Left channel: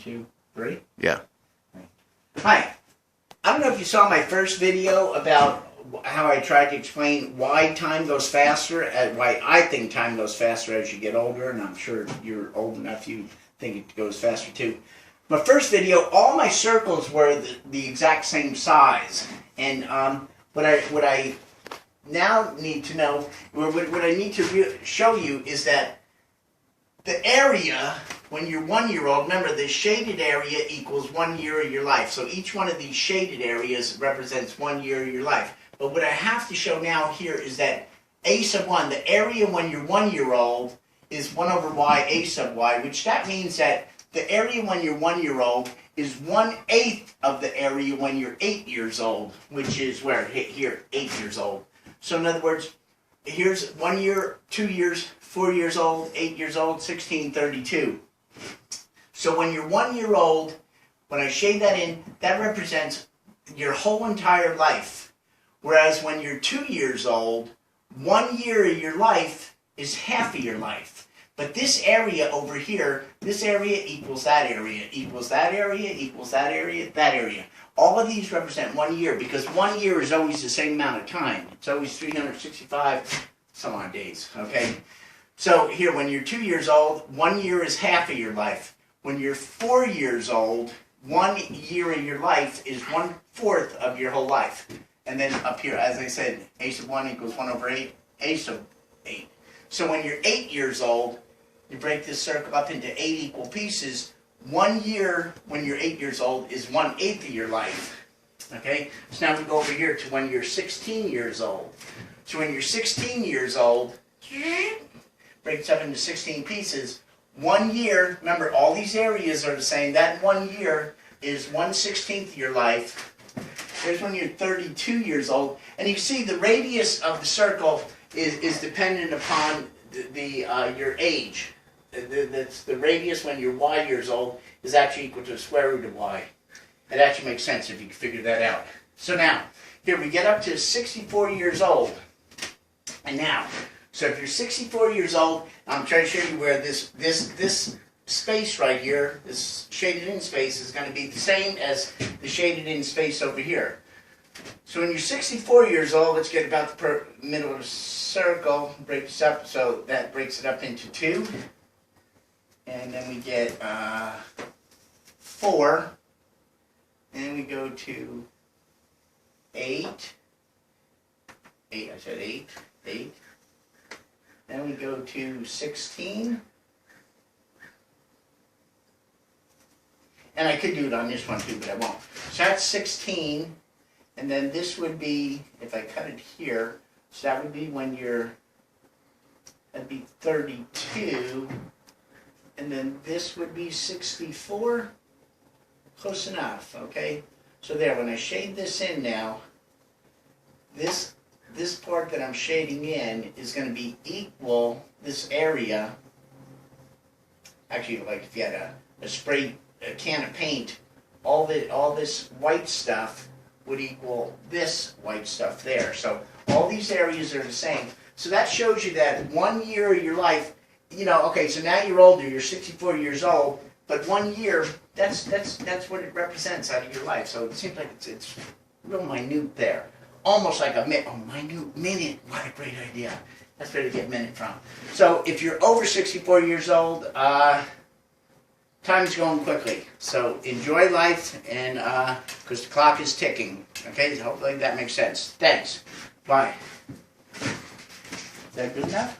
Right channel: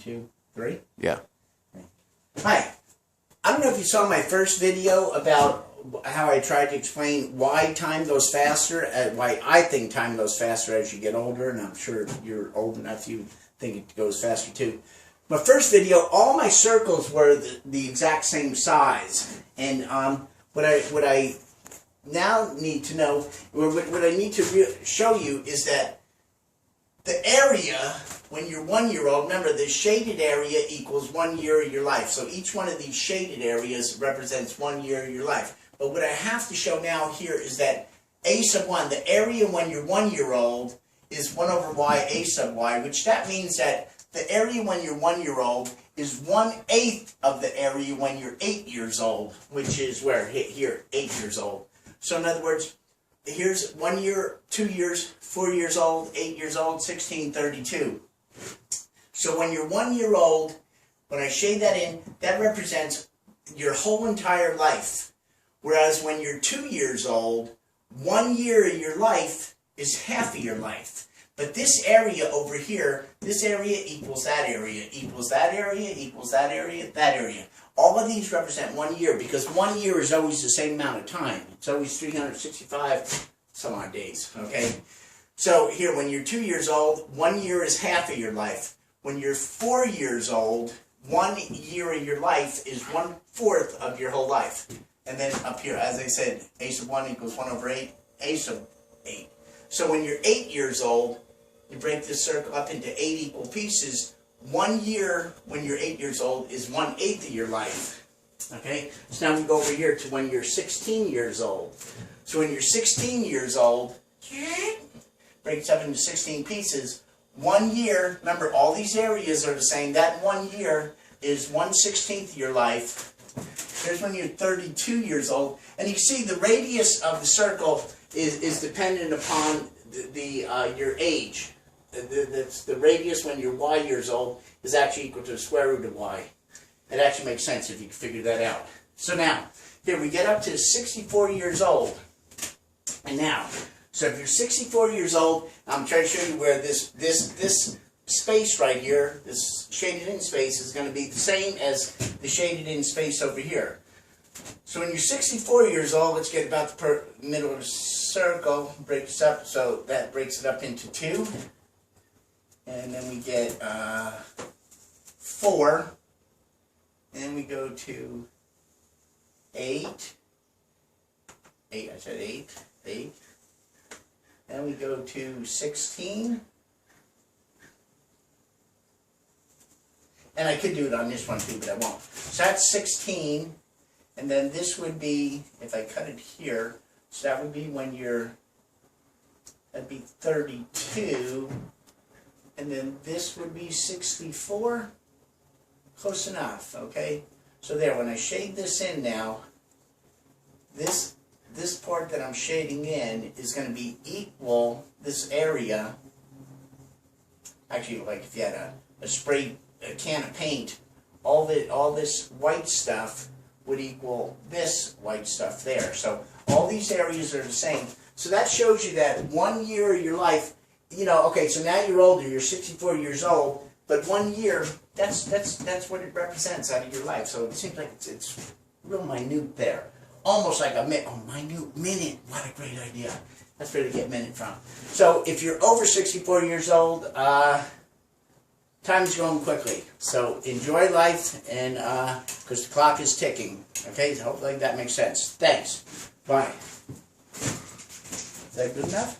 2, 3. Yeah. Hi. I don't know if you saw my first video about how I tried to explain why time goes faster, why I think time goes faster as you get older, and I'm sure you're old enough you think it goes faster too. My first video, all my circles were the exact same size, and what I now need to know, what I need to show you is that the area, when you're 1 year old, remember the shaded area equals 1 year of your life. So each one of these shaded areas represents 1 year of your life. But what I have to show now here is that a sub 1, the area when you're 1 year old is 1 over y a sub y, which that means that the area when you're 1 year old is 1/8 of the area when you're 8 years old, which is where, here, 8 years old. So in other words, here's 1 year, 2 years, 4 years old, 8 years old, 16, 32. So when you're 1 year old, when I shade that in, that represents your whole entire life. Whereas when you're 2 years old, 1 year of your life is half of your life. But this area over here, this area equals that area, equals that area, equals that area, that area. All of these represent 1 year because 1 year is always the same amount of time. It's always 365 some odd days, okay? So here, when you're 2 years old, 1 year is half of your life. When you're 4 years old, 1 year of your life is 1/4 of your whole life. And then up here, as I said, a sub 1 equals 1 over 8, a sub 8. So when you're 8 years old, you break this circle up into 8 equal pieces. 1 year when you're 8 years old is 1/8 of your life. Okay? So now we go over here to when you're 16 years old. So when you're 16 years old, breaks up into 16 pieces. 1 year, remember all these areas are the same. That 1 year is 1/16 of your life. Here's when you're 32 years old. And you can see the radius of the circle is dependent upon your age. That's the radius when you're y years old is actually equal to the square root of y. It actually makes sense if you can figure that out. So now, here we get up to 64 years old. And now, so if you're 64 years old, I'm trying to show you where this space right here, this shaded in space, is going to be the same as the shaded in space over here. So when you're 64 years old, let's get about the middle of the circle, break this up, so that breaks it up into 2. And then we get 4. And we go to 8. 8, I said 8. 8. Then we go to 16. And I could do it on this one too, but I won't. So that's 16. And then this would be, if I cut it here, so that would be when that'd be 32. And then this would be 64. Close enough, okay? So there, when I shade this in now, this part that I'm shading in is going to be equal, this area, actually like if you had a can of paint, all this white stuff would equal this white stuff there. So all these areas are the same. So that shows you that 1 year of your life, okay, so now you're older, you're 64 years old, but 1 year, that's what it represents out of your life. So it seems like it's real minute there. Almost like a minute minute. What a great idea. That's where to get minute from. So if you're over 64 years old, time is going quickly. So enjoy life, and because the clock is ticking. Okay, so hopefully that makes sense. Thanks. Bye. Is that good enough?